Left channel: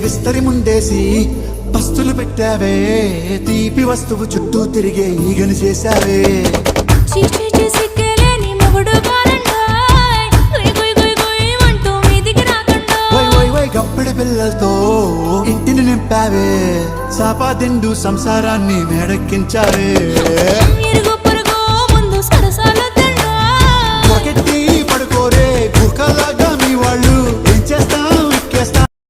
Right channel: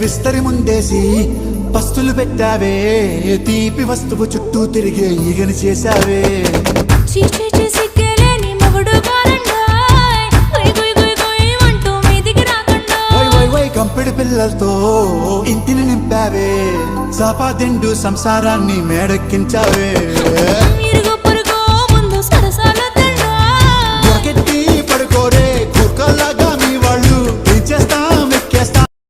విస్తరి ముందేసి పస్తులు పెట్టావే తీపి వస్తువు చుట్టూ తిరిగే ఈగని చేశావే చీచీ చేసి కేలేని మొగుడు గారండాయ్ గుయ్ గుయ్ గుయ్ గుయ్ అంటూ మీదికి రాకండా గంపెడి పిల్లలతో ఇంటిని నింపావే సాపాదిండు సంసారాన్ని మేడెక్కించావే ఇరుగు పొరుగు ముందు సరసాల తండా పడుకోరే